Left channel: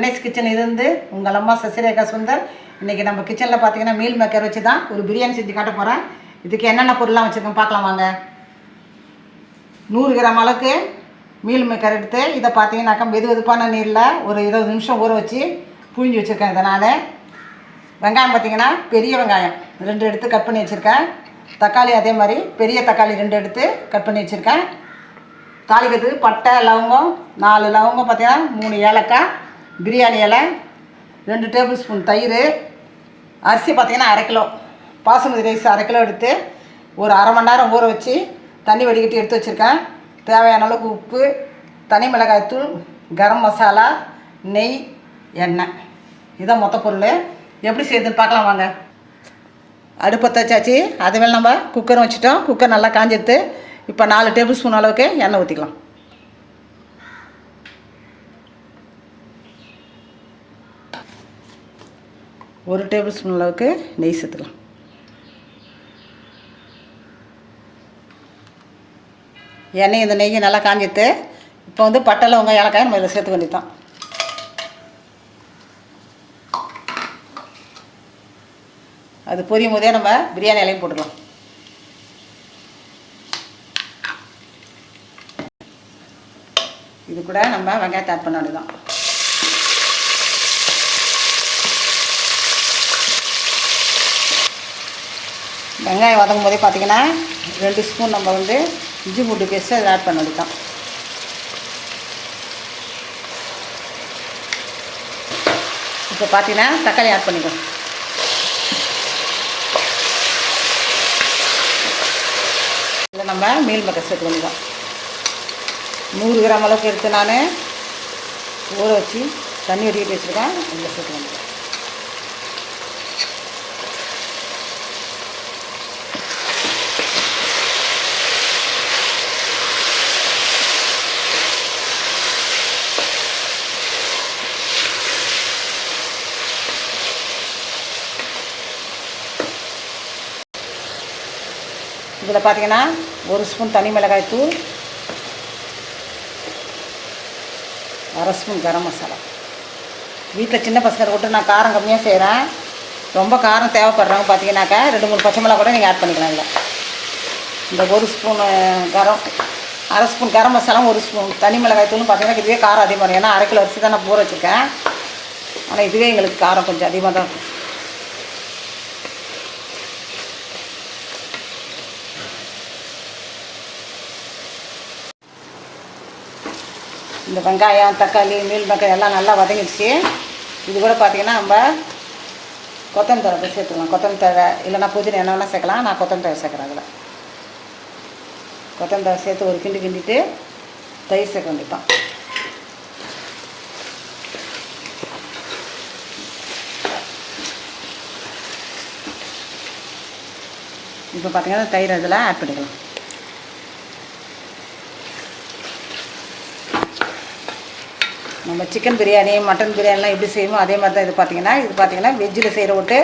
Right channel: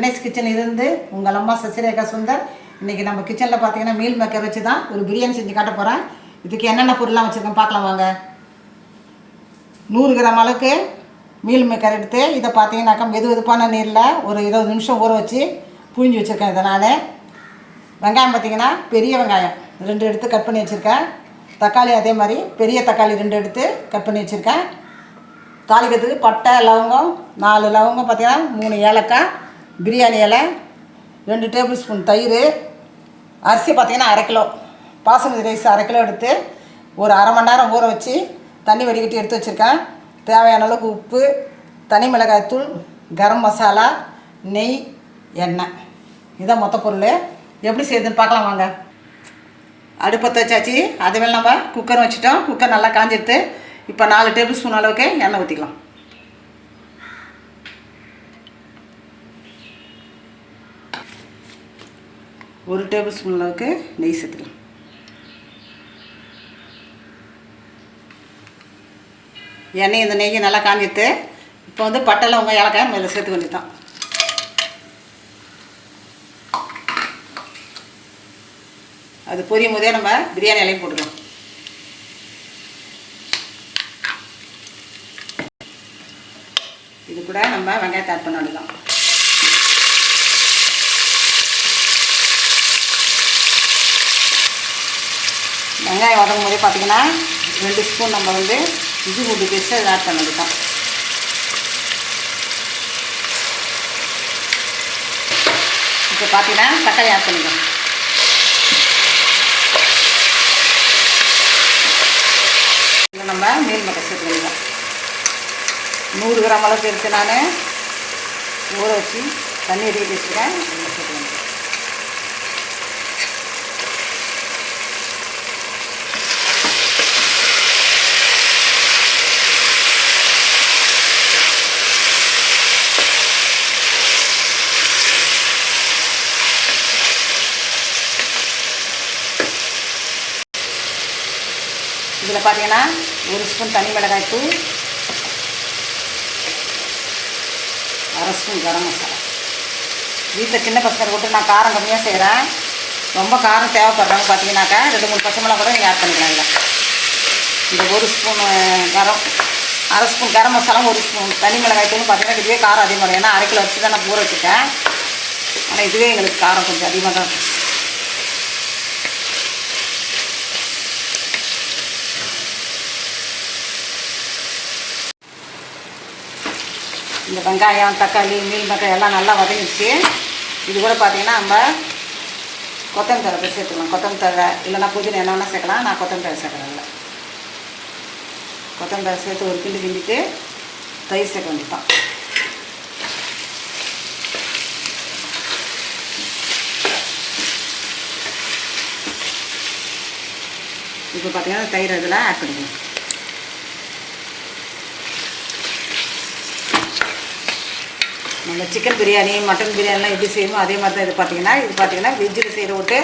Annai's kitchen இருந்து உங்கள் அம்மா சசிரேகா சுந்தர். இன்றைக்கி நம்ம கிச்சனில் பார்த்தீங்கன்னா மீல் மேக்கர் வச்சு தான் ஒரு பிரியாணி செஞ்சு காட்ட போகிறேன். இதுக்கு என்னென்ன பொருள்லாம் வச்சுருக்கேன் பார்க்கலாம் வாங்க. 100 கிராம் அளவுக்கு மீல் மேக்கர் எடுத்து இதை பார்த்தீங்கன்னாக்கா வெதுவெதுப்பான நீரில் ஒரு 20 நிமிஷம் ஊற வச்சு புழிஞ்சு வச்சுருக்கேன். இதனால் வெங்காயம் பார்த்திங்கன்னா பெரிய வெங்காயம் 2 எடுத்து கட் பண்ணி வச்சுருக்கேன். தக்காளி அதே மாதிரி பெரிய தக்காளி 2 எடுத்து கட் பண்ணி வச்சுருக்கேன். தாளிக்கிறதுக்கு பட்டை லவங்கம் 4 லவங்கம் பார்த்திங்கன்னா 3 ஏலக்காய், பிரியாணி இலை, 2 டேபிள் ஸ்பூன் தயிர், அரிசி பார்த்திங்கன்னா 1/2 கிலோ, பாசுமதி ரைஸ் 1/2 கிலோ எடுத்து ஒரு 1/2 மணி நேரம் ஊற வச்சு தண்ணி வடிகட்டி எடுத்து வச்சுருக்கேன். தேவையான அளவுக்கு உப்பு, தனி மிளகாய்த்தூள், கரம் மசாலா, நெய், எண்ணெய், இதான் மொத்த பொருள். எப்படி செய்யுதுன்னு பார்க்கலாம் வாங்க. அடுப்பத்தை வச்சாச்சு. அதுமாதிரி நம்ம குக்கரும் வச்சுட்டோம். குக்கர் நல்லா காஞ்சிடுத்து. இப்போ 4 டேபிள் ஸ்பூன் அளவுக்கு எண்ணெய் ஊற்றிக்கலாம். ஒரு டேபிள் ஸ்பூன் அளவுக்கு நெய் சேர்த்துக்கலாம். எண்ணெய் இந்த நெய்யை நல்லா காஞ்சிட்டு இப்போ வந்து பட்டை லவங்கம் ஏலக்காய் நம்ம இதை சேர்த்துக்க வேண்டியது தான். அது பொரியும் போதே நம்ம பிரியாணி இலையும் போட்டுக்கலாம். இது கூட நம்ம வெங்காயத்தை ஆட் பண்ணலாம். வெங்காயம் வதங்கும் போதே பார்த்திங்கன்னா 2 ஸ்பூன் நம்ம வந்து இஞ்சி பூண்டு பேஸ்ட்டு அதை ஆட் பண்ணது தான். இப்போ பார்த்திங்கன்னா தக்காளி ஆட் பண்ணிக்கலாம். இதில் நம்ம மீல் மேக்கர் சேர்த்து பண்ணிக்கலாம். 100 கிராம் அளவுக்கு எடுத்து நான் ஊற வச்சு தண்ணி எடுத்து வச்சுருக்கேன். அதில் சேர்த்து இதில் பார்த்தீங்கன்னா 1 ஸ்பூன் தனி மிளகாய் தூள், 1/2 ஸ்பூன் கரம் மசாலா. வீட்டில் சின்ன பசங்க போட்டு நான் காரம் கம்மியாக செய்கிறேன். ரொம்ப காரம் தேவைப்படுறாங்க பார்த்தீங்கன்னாக்கா 2-3 பச்சை மிளகா கூட நீங்கள் ஆட் பண்ணிக்கலாம். இல்லை இந்த 1 spoon 1/2 spoon garam masala, 1 spoon தனி மிளகாய் தூள் பார்த்தீங்கன்னா இதுவே காரம் அதிகமாக. ஏன்னா 1/2 கிலோ அரிசி தான் நான் ஊற வச்சுட்டேன். ஆனால் இதுவே எங்களுக்கு காரம் கொஞ்சம் அதிகமாக தான் இருக்கும். இந்த வெங்காயம் தக்காளி மீல் மேக்கர் எல்லாம் நல்லா வதங்கிடுச்சு. இது கூட பார்த்திங்கன்னா நம்ம கொத்தமல்லி தழை சேர்த்துக்கலாம். கொத்தமல்லி தழை இல்லைனா புதினா என்ன வேணால் சேர்க்கலாம். நான் கொத்தமல்லி தழை சேர்க்குறேன். அதில் கொத்தமல்லி தழை சேர்த்து ஒரு கிண்டி கிண்டிட்டு தயிர் சேர்க்க வேண்டியதான். இப்போ பார்த்திங்கன்னா தயிர் அதில் ஆட் பண்ணிக்கலாம். நம்ம சிக்கன் பிரியாணி மட்டன் பிரியாணிலாம் எப்படி செய்வோமோ அதே மாதிரி தான் இது பார்த்திங்கன்னா வெஜ்ஜில் செய்கிற விட்டு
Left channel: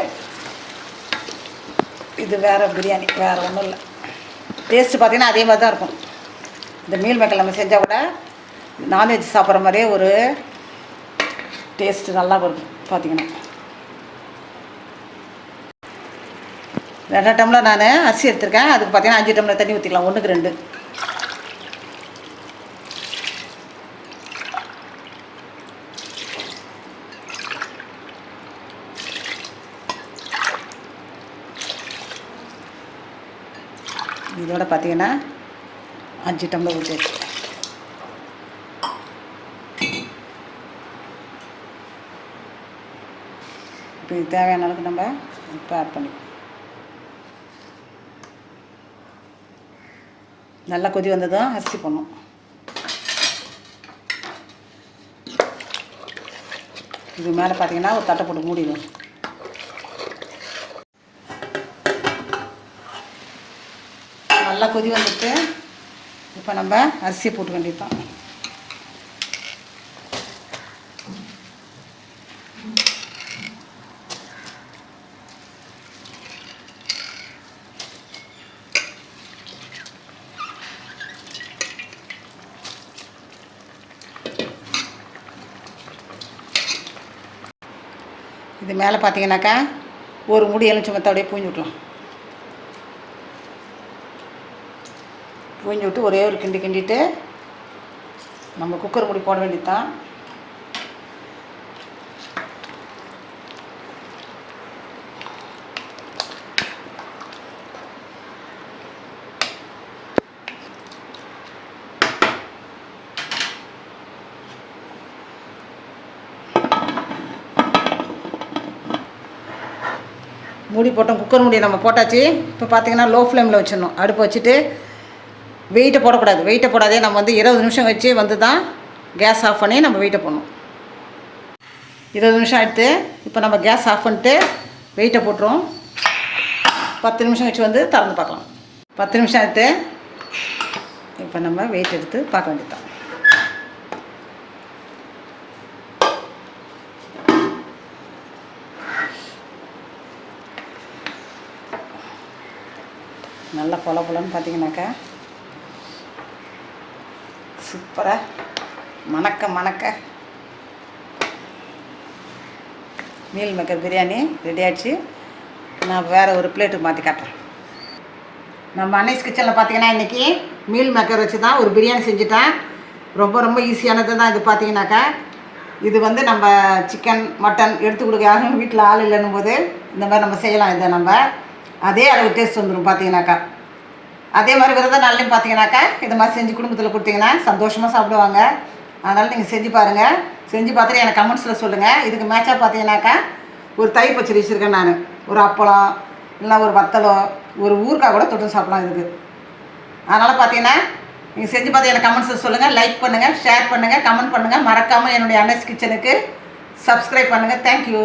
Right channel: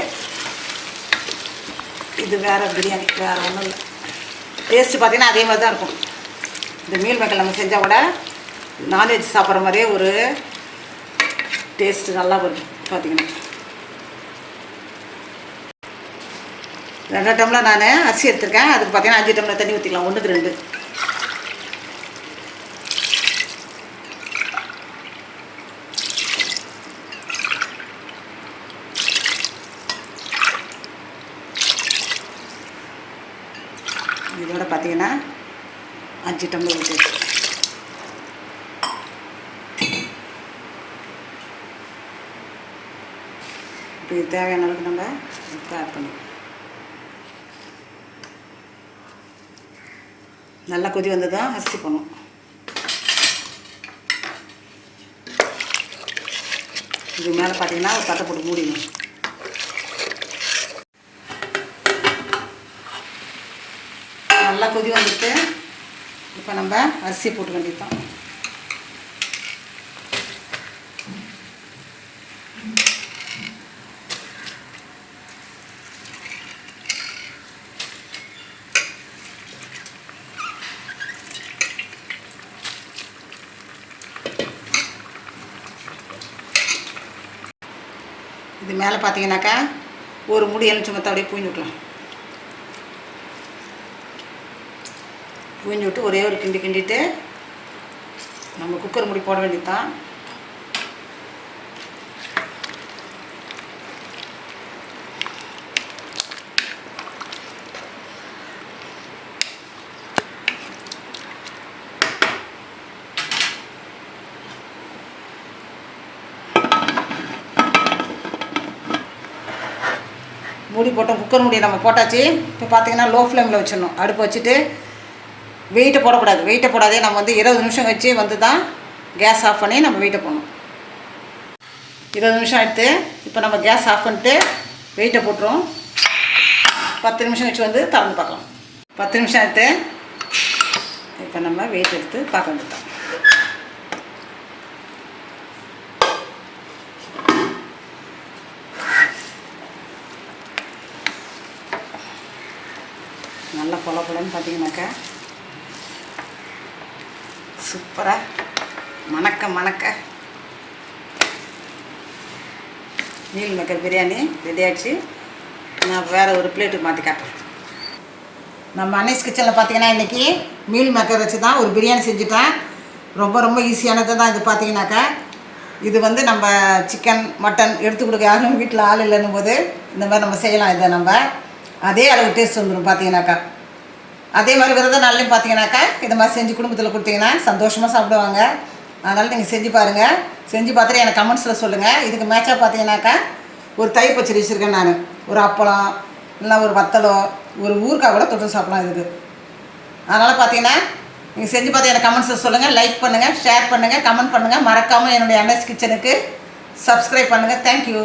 இது வேறு பிரியாணி, வேறு ஒன்றும் இல்லை. டேஸ்ட்டு பார்த்திங்கன்னா அதே மாதிரி தான் இருக்கும். இந்த மீல் மேக்கர் நம்ம செஞ்சால் கூட நான்வெஜ் சாப்பிட்ற மாதிரியே ஒரு டேஸ்ட்டு நல்லா வரும். பார்த்திங்கன்னா 2 டம்ளர் நான் அரிசி எடுத்துருக்கேன். அதுக்கு பார்த்திங்கன்னா 5 டம்ளர் தண்ணி ஊற்றிக்கலாம். 1க்கு 2. இதோட பார்த்திங்கன்னா 5 டம்ளர் ஊற்றி இப்போ இது தேவையான அளவுக்கு நம்ம ஆட் பண்ணிக்கலாம். நல்லா கொதி வந்ததும் அரிசி போடணும். இது மேலே பார்த்திங்கன்னா ஒரு தட்டை போட்டு மூடிடும். நல்லா கொதி வந்துட்டு இப்போ நம்ம அரிசி போட்டு வேண்டியதான். இது மேலே பார்த்தீங்கன்னாக்கா ஒரு மூடி எலுமிச்சம்பழத்தை அப்படியே பூஞ்சி விட்லாம். பூஞ்சி விட்டு ஒரே ஒரு கிண்டிட்டு நம்ம குக்கர் மூடி போட வேண்டியது தான். மூடி போட்டோம், குக்கர் மூடி நம்ம போட்டாச்சு. இப்போ பார்த்தீங்கன்னா லோ ஃப்ளேமில் வச்சிடணும். அடுப்பு வச்சுட்டு வெயிட்டை போடக்கூடாது. வெயிட்டை போடாதே நம்ம 20 நிமிஷம் வச்சு தான் கேஸ் ஆஃப் பண்ணி நம்ம வெயிட்டை போடணும். 20 நிமிஷம் எடுத்து இப்போ நம்ம கேஸ் ஆஃப் பண்ணிட்டு வெயிட்டை போட்டுருவோம். 10 நிமிஷம் வச்சு திறந்து பார்க்கலாம். 10 நிமிஷம் எடுத்து இப்போ நம்ம வெயிட் எடுத்து பார்க்க வேண்டியதான். நல்லா பொலன்னு பார்த்தீங்கன்னாக்கா சூப்பராக மணக்க மீல் மேக்கர் பிரியாணி ரெடி ஆகிடுச்சு. நான் வேறு ஒரு பிளேட்டுக்கு மாற்றி காட்டுறேன். நம்ம அன்னைஸ் கிச்சனில் பார்த்தீங்கன்னா இன்றைக்கி மீல் மேக்கர் வச்சு தான் ஒரு பிரியாணி செஞ்சுட்டேன். ரொம்ப ஈஸியானது தான் இது. பார்த்தீங்கன்னாக்கா இது நம்ம சிக்கன் மட்டன் எடுத்து கொடுக்க யாரும் வீட்டில் ஆள் இல்லைன்னும் போது இந்த மாதிரி நம்ம செய்யலாம். இதை நம்ம அதே அளவு டேஸ்ட் வந்துடும். பார்த்தீங்கன்னாக்கா அதே மாதிரி விரத நாள்லையும் பார்த்தீங்கன்னாக்கா இது மாதிரி செஞ்சு குடும்பத்தில் கொடுத்தீங்கன்னா சந்தோஷமாக சாப்பிடுவாங்க. அதனால் நீங்கள் செஞ்சு பாருங்கள். செஞ்சு பார்த்துட்டு எனக்கு கமெண்ட்ஸில் சொல்லுங்கள். இதுக்கு மேட்சாக பார்த்தீங்கன்னாக்கா ஒரு தயிர் பச்சடி வச்சுருக்கேன் நான். ஒரு அப்பளம் இல்லைனா ஒரு வத்தலோ ஒரு ஊறுகாய் கூட தொட்டு சாப்பிடலாம் இதுக்கு. அதனால் பார்த்தீங்கன்னா நீங்கள் செஞ்சு பார்த்து எனக்கு கமெண்ட்ஸில் சொல்லுங்கள். லைக் பண்ணுங்கள், ஷேர் பண்ணுங்கள், கமெண்ட் பண்ணுங்கள். மறக்காமல் என்னுடைய அன்னைஸ் கிச்சனுக்கு சப்ஸ்கிரைப் பண்ணுங்கள். தேங்க்யூ.